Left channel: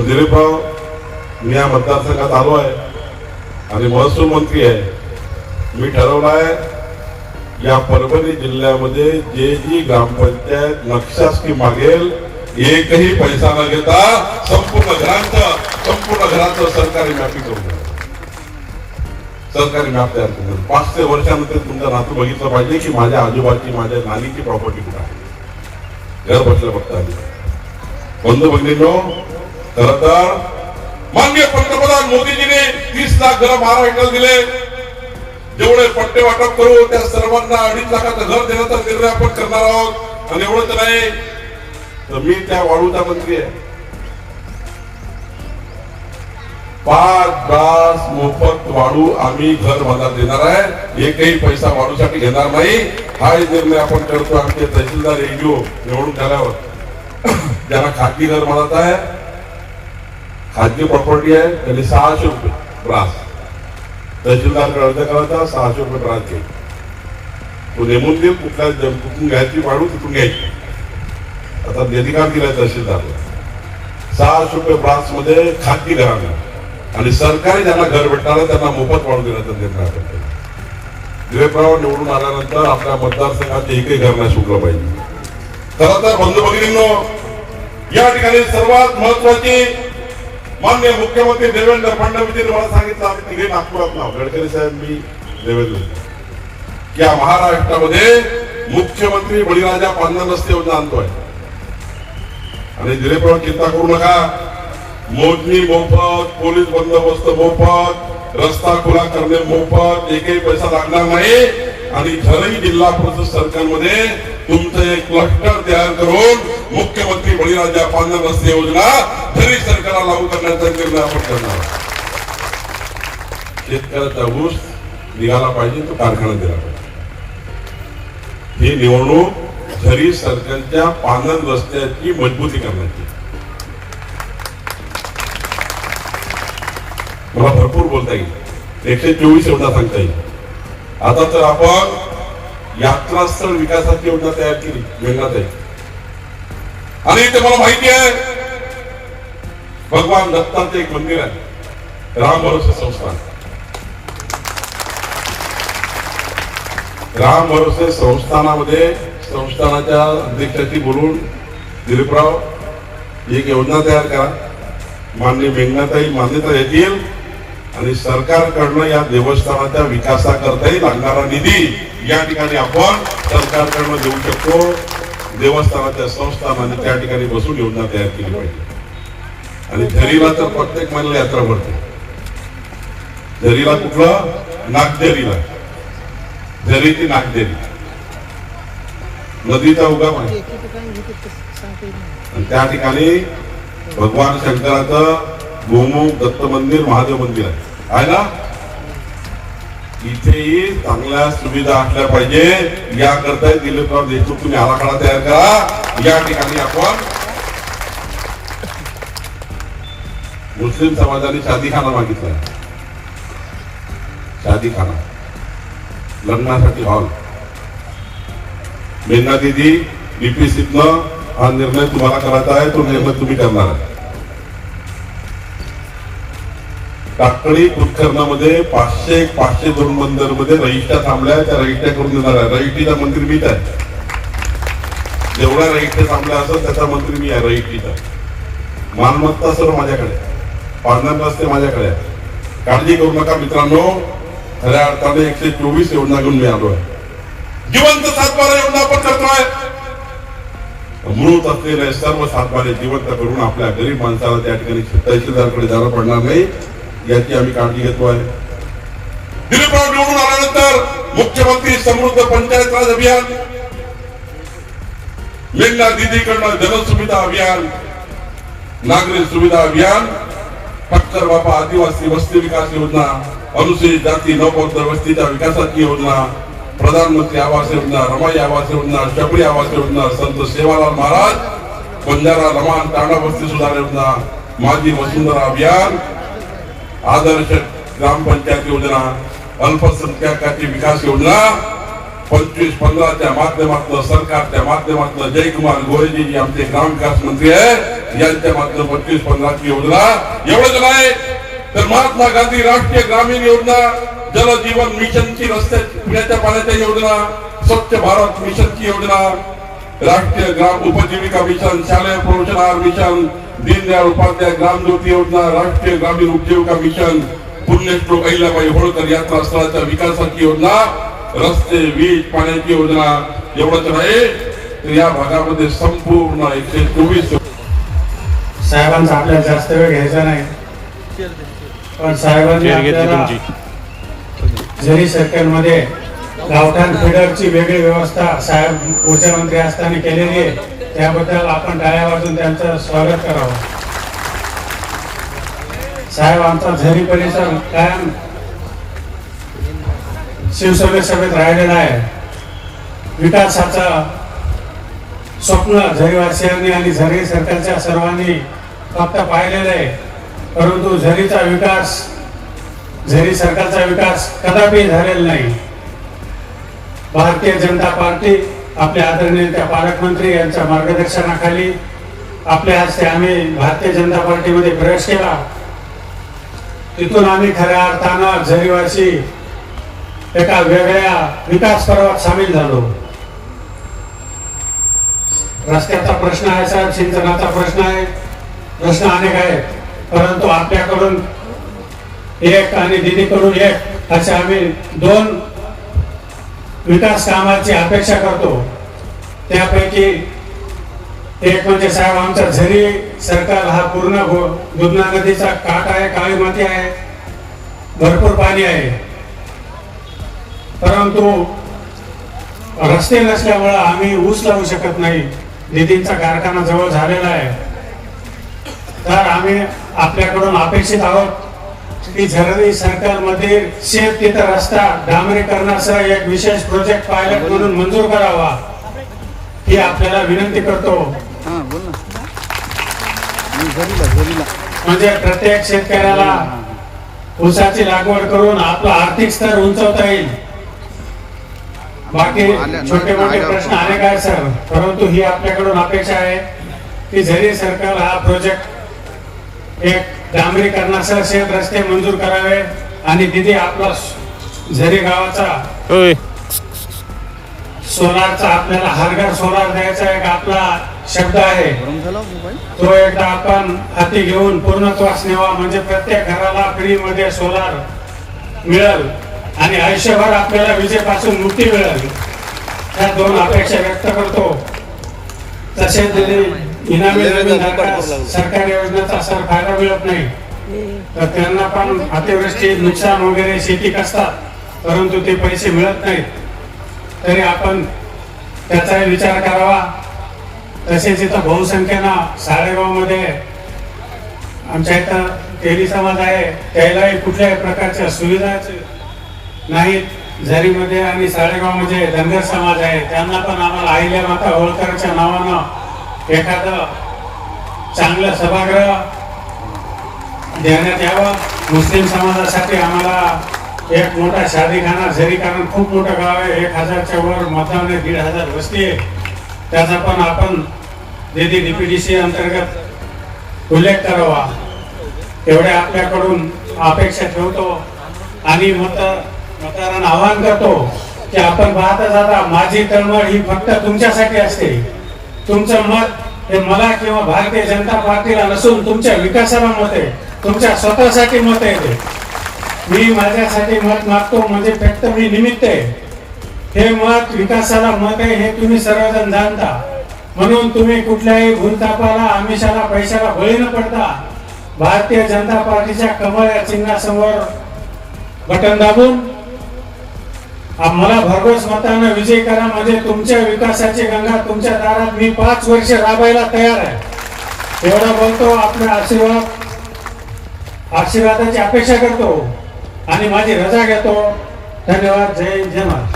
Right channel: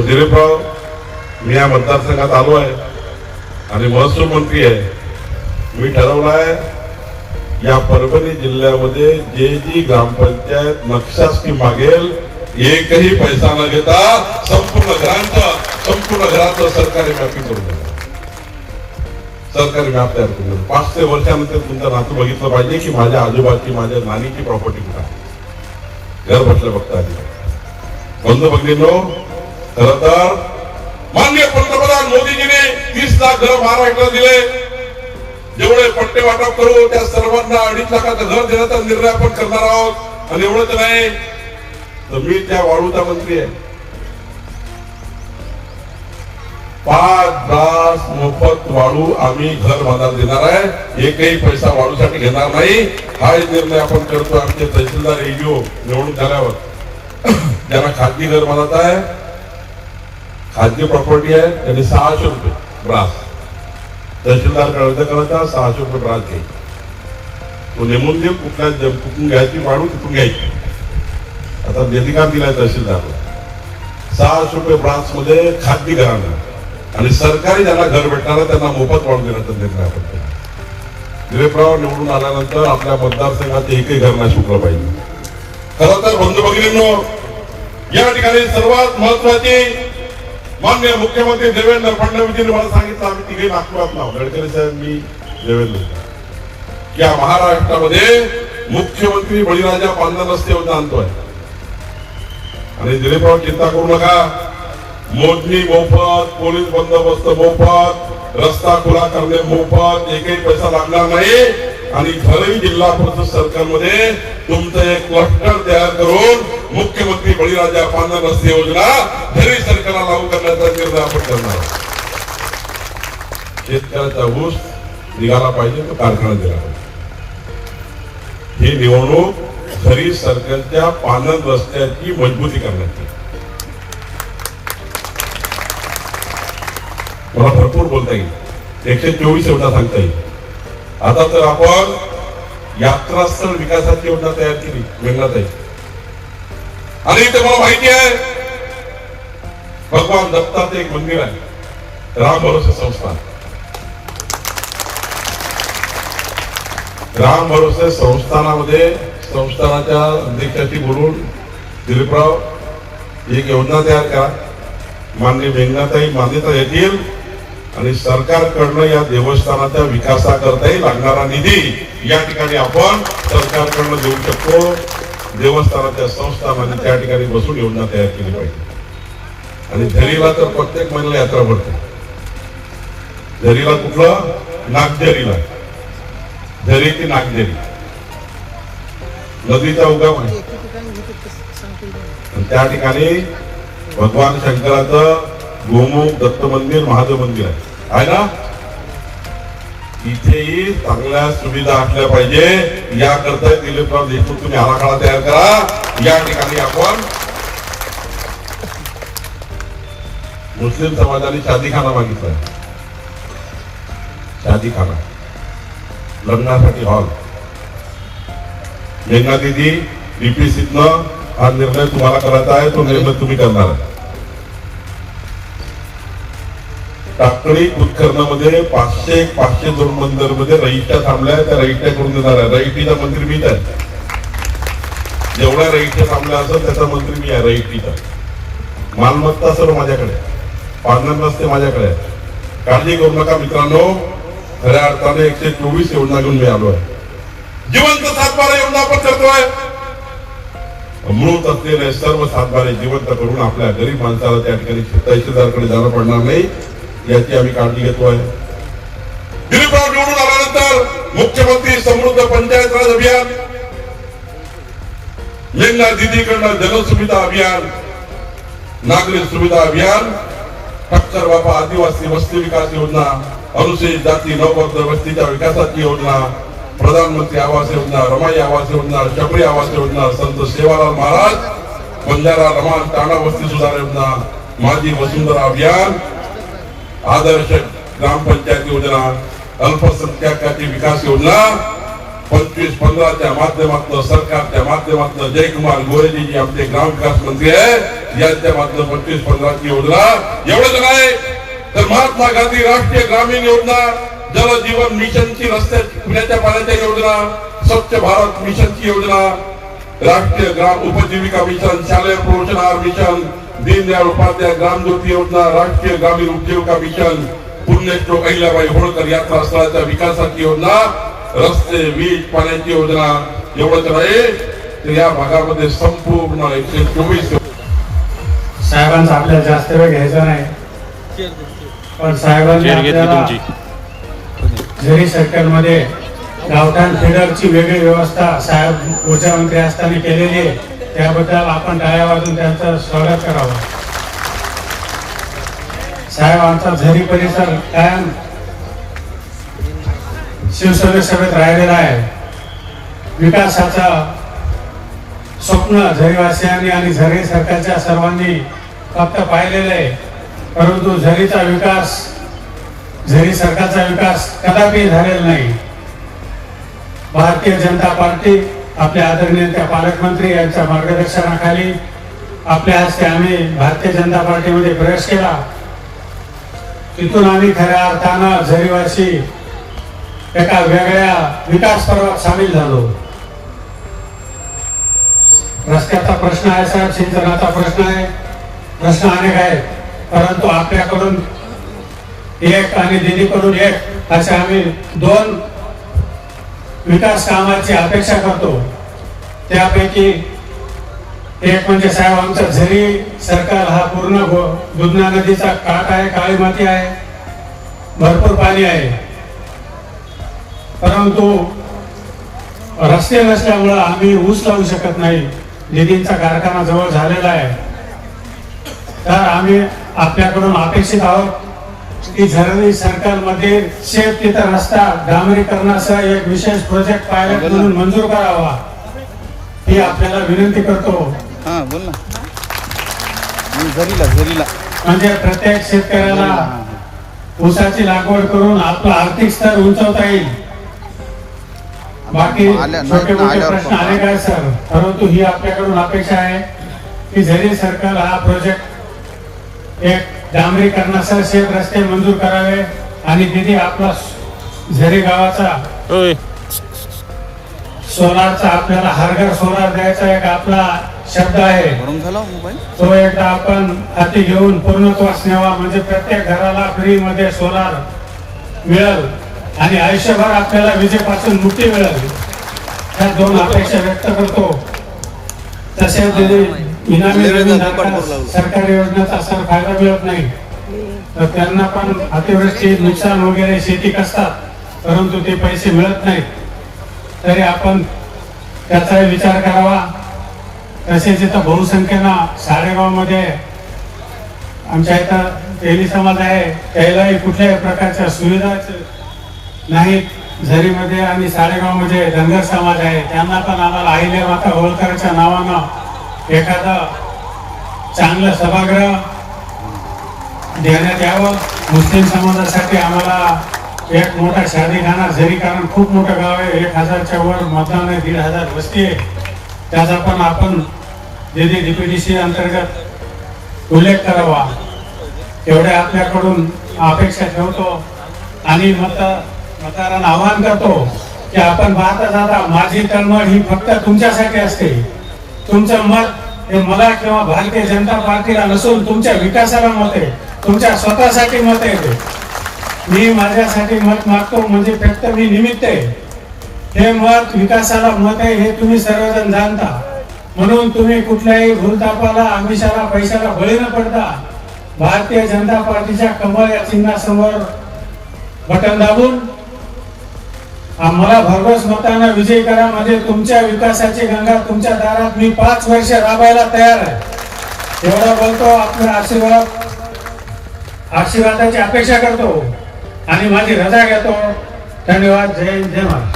दिलीपराव, मी या मतदारसंघात आलो आहे आणि महसूल मंत्री आहे. मी ठरवलं आहे या परभणी जिल्ह्यामध्ये जी ग्रामपंचायत नक्षा स्कीम मागेल एकही पैसा न घेता संपूर्ण घराचं सरकारी मॅपिंग करून सरकारी मॅप तयार करून 500 वर्षानंतर तुमचं नातू बघितलं पाहिजे की माझ्या आजूबाजूची माझ्या नानीची प्रॉपर्टी कुठे आहे. घर बसल्या बघता बंधू भगिनींनो, खरं तर माननीय पंतप्रधान मोदीजीने 30 लाख घर महाराष्ट्राला दिले. जेवढे पट्टे वाटप करू त्या सर्वांना 2.5 लाखाचं घर देण्याचा निर्णय आपण करणार आहोत. आणि एवढं तर नाही तर मी त्या वाळूचा मंत्री आहे. 5 ब्रास मोफत वाळू आम्ही घर बांधायला देणार आहे. एकही पैसा वाळूसाठी घेणार नाही. हा निर्णय आपण करतो. आमचे तहसीलदार एडीओ निवडून झाल्यावर ज्यांना खाजगी घर बांधत आहे, खाजगी प्रॉपर्टी आहे, त्यांनी 600 रुपये ब्रास तहसीलदार अर्ज करायचा, 600 रुपये ब्रास घे. तो नेमून देईल कुठल्या कुठून घ्यायची वाढू तिथून घ्यायची. आता निधिकार दिलाय तहसीलदारला 600 रुपये ब्रास मध्ये खाजगी घरांना आणि सरकारी ज्यांना घर भेटणार आहे त्यांना मोफत वाढून देण्याचा निर्णय करतो. दिलीपराव निवडून आल्यानंतर आपल्या मतदारसंघात एकही घर नाही सुटलं पाहिजे. खरं तर बंधू भगिनींनो, या ठिकाणी सर्वात महत्वाची माननीय मुख्यमंत्री देवेंद्र फडणवीसजींनी मला सांगितलं, आम्ही तिघे नागपुरात नाव गडकरी साहेब, मी देवेंद्र, या महाराष्ट्रामध्ये मुख्यमंत्री बळीराजा पांढरा रस्ते होऊन आणतोय. आणि दिलीपराव चिंता करू नका, मोजणी मोफत, पोलीस बंदोबस्त मोफत, रस्ता खुला करणे मोफत, एकही पैसा लागणार नाही. आणि घरही जिल्हा परिषद सरकारमध्ये तुमचं एक क्लस्टर तयार करून मुख्यमंत्री बळीराजा पांढरा रस्ते योजना घरी सरकारला लागू करण्याचा निर्णय आपण करणार. शेतकऱ्याचा ऊस निघाला पाहिजे, तो कारखाना दिला पाहिजे. ही निवडणूक घरी सरकारच्या पांढर रस्त्याची मजबूती करण्याची. मला भरपूर बोलता येईल, 124 एवढा सांगता येईल. आता तर आपण यात्रास्थळ विकासाची योजना तयार केली मेघनाथ आहे. आणि इथे मला माहिती आहे भगवान दत्ताचं एक मंदिर आहे, राम भरोसे संस्थान. राम भरोसे संस्थानामध्ये संस्थानाच्या अध्यक्षाशी बोलून दिलीपराव एक योजना तयार करा, माननीय मेघनाथाई मान्यता येतील आणि सरकारकडनं या देवस्थानाच्या विकासाकरताही लागणारा निधी या ठिकाणी आपण सरकारकडनं देऊ शकतो. देवस्थानाच्या संस्थानाने त्या ठिकाणी बसून योजना तयार केली पाहिजे. आणि झरीला तर प्रत्येक महिन्याला यात्रा भरते. झरीला कुठलं? नागझरीला, झरी ती नागझरी नदीचा उगम आहे. त्या ठिकाणी भगवान शंकराचं गोमुख दत्त मंदिर, महादेव मंदिर आहे ना. इथेही चांगल्या सुविधा असल्या पाहिजे याकरता दिलीपराव देशमुख तुम्ही आराखडा तयार करा. या ठिकाणी आपण मुस्लिम समाजाने शादीखाना मागितला, शादीखाना लग्नासाठी हॉल. मेघना दीदी डीपीसीतनं हा निर्णय तुम्हाला करायचा आहे, तो निर्णय तुम्ही करणार आहे. टाकळी उत्खननामध्ये 500 जोडबंदर मध्ये रजिस्ट्या थांबल्या, त्या रजिस्ट्या करून देणार आहे. रजिस्ट्रीचा मंत्री मीच आहे. जेवढ्या रजिस्ट्या थांबल्या असेल त्याचा मंत्री मी आहे. रजिस्ट्रीचा मालमत्ता सर्व माझ्याकडे, पांढरा रस्ते माझ्याकडे आहे. काळजी करू नका मित्रांनो. खऱ्या अर्थाने 124 योजना घेऊन मी आलो आहे. जिवंत सातबारा योजना आपण करतोय. मृत असलेले सर्व सातबारे जिवंत करून आपल्या गरीब माणसाला त्या ठिकाणी तहसीलदारकडे जाणं पडणार नाही याची आम्ही काळजी घेतोय. दिलीपराव निवडून आल्यानंतर मुख्यमंत्री समृद्ध पंचायत राज अभियान, मेघना दीदीकडनं जनसुविधा अभियान, नागरिक सुविधा अभियान, ठक्कर बाबा आदिवासी वस्ती विकास योजना, अनुसूचित जाती नवबद्ध वस्तीच्या विकासाची योजना, प्रधानमंत्री आवास योजना, रमाई आवास योजना, शबरी आवास योजना, संत सेवालाल महाराज बंजारा लमान तांडा वस्ती सुधार योजना, माझी वसुंधरा अभियान, आदर्श ग्रामपंचायत योजना, अल्पसंख्याकांची विकास योजना 25-15च्या माध्यमातून सरकारच्या माध्यमातून जयकुमार गोरेजी आमचे ग्रामविकास मंत्री आहे यांच्या माध्यमातून 25-50 योजना. एवढंच नाही तर महात्मा गांधी राष्ट्रीय ग्रामीण योजना, जल जीवन मिशनची रस्ते पिण्याच्या पाण्याच्या योजना, स्वच्छ भारत मिशनची योजना, राष्ट्रीय ग्राम उपजीविका मिशन, शालेय प्रोत्साहन मिशन, दीनदयाळ उपाध्याय ग्राम ज्योती योजना, राष्ट्रीय ग्रामीण उपजीविका मिशन, पुण्यश्लोक अहिल्याबाई होळकर यात्रा स्थळाच्या विकासाची योजना, रस्ते, वीज, पाण्याची योजना. एवढंच नाही तर या भागामध्ये संपूर्ण 124 साहेबांचा आपल्याला जास्त वेळ घ्यायचा नाही, पण साहेबांनी आपल्याला जरी सर्कलमध्ये गावठाण फिडरची वेगळी व्यवस्था साहेब ऊर्जा मंत्री असताना केलेली आहे, त्याबद्दल आपण टाळ्या वाजून त्यांचं स्वागत करावं. साहेब आमचा झरी परिसर कायम शिवसेना सभेत राहिलेला आहे. विकासाचं स्वप्न झरीवासियांनी आणि झरी सरकारच्या सर्वांनी फक्त पाहिलेलं आहे, परंतु झरीचा विकास, झरी सरकारचा विकास कदापि झालेला नाही. भारतीय जनता पार्टी आपल्या आदरणीय त्या पालकमंत्री यांच्या मार्गदर्शनाखाली आपल्या हस्ते आम्ही भारतीय जनता पार्टीमध्ये प्रवेश केला. तिथून आम्ही खऱ्या अर्थानं झरीवासी एका वेगळ्या विकास पर्वात सामील झालो. रस्त्याचा प्रश्न आहे साहेब, सिंचनाचा प्रश्न आहे, प्रश्न अनेक आहेत, परंतु आपल्याकडून एक आणि दिदीकडून एक असे आम्ही 2 विकास कामाची अपेक्षा करतो. त्यापैकी एक म्हणजे साहेब आमचा झरी सरकार हा पूर्ण दुधना नदीचा काठ आहे, काळी माती आहे, भरपूर पाणी आहे, परंतु रस्ते नसल्यामुळे आम्ही ऊस लावू शकत नाही. निधींचा कारखाना जवळ झालेला आहे, तर आम्ही आपल्याकडून अपेक्षित आहोत की झरी सरकारमध्ये शेत तिथं रस्ता डांबरीकरणासह एक विशेष प्रोजेक्ट पायलट म्हणून मंजूर करावा ही आपल्याला विनंती करतो. म्हणजे प्रत्येक शेतकऱ्याला ऊसाची लागवड करून आपला आर्थिक स्तर उंचवता येईल. बाकी छोटे मोठे प्रश्न अनेक आहेत सर, परंतु ही आपल्याकडून अपेक्षा आहे की झरी सरकार हा प्रोजेक्ट एक डांबरीकरणासह शेत रस्ते मंजूर करावे आणि तिथे आपला झरी गावाचा सोलारचा आपल्याला हरघर सोलार द्यायचा एक आपला शब्द आहे, तो एकदा आपण हाती घेऊन पूर्णत्वास न्यावा. म्हणजे प्रत्येक घराला फ्री मध्ये सोलार मिळेल आणि आयुष्यभर आपल्याला विजेपासून मुक्ती मिळेल. ह्या 2 अपेक्षा व्यक्त करतो. तसेच इनामी जमीन सरकारी योजनेचा सर फायदा मिळत नाही, तर त्यांना पण अतिवृष्टी, नुकसान वगैरे शेती कसतात, परंतु ते पैसे मिळत नाहीत, तरी आपण त्याचाही विचार करावा. तसेच इथं बहुसंख्येनं साडेगावमध्ये आमच्या इथं तेली समाज आहे, त्यालाही कुठल्याही प्रकारच्या सुविधा नाहीत. झरीमध्ये आणि साडेगावमध्ये धनगर समाज आहे, त्यांना पण आम्हाला अहिल्यामाता होळकरच्या नावानं एखादं चांगलं सभागृह देण्यात यावं. मुस्लिम समाजासाठी आम्हाला एक मोठा शादीखाना, झरी कारण खूप मोठं गाव आहे, 1000च्या वर मतदान आहे, 1500 वस्ती आहे, त्याचा पण आपण DPDC अंतर्गत उल्लेख करावा. एवढ्या आपल्याकडून अपेक्षा ठेवतो आणि मतदारांना आवाहन करतो की आपण पाहता जाता माझी तळमळ ही फक्त तुमच्यासाठी असते. तुमचं मत हे मला किंवा भारतीय जनता पार्टीला नसून तुमच्या विकासाला मत आहे, तुमच्या स्वतःसाठी मत आहे. मी माझ्यासाठी मत मागतो म्हणजे फक्त मी निमित्त आहे. हे मत विकासाला मत आहे हे तुम्ही सर्वजण जाणता, म्हणून तुम्ही कुठल्याही भूलतापाला, आमिषाला, पैशाला बळी न पडता भारतीय जनता पार्टीच्या कमळ या चिन्हासमोर बटन दाबून मला भरघोस मतानं विजयी करा. म्हणजे तुमच्या विकासाची गंगा तुमच्या दारात मी 5 वर्ष राबायला तयार आहे. एवढा बोलतो. आपला आशीर्वादाची अपेक्षा करतो आणि माझी रजा घेतो. धन्यवाद. जय हिंद, जय महाराष्ट्र.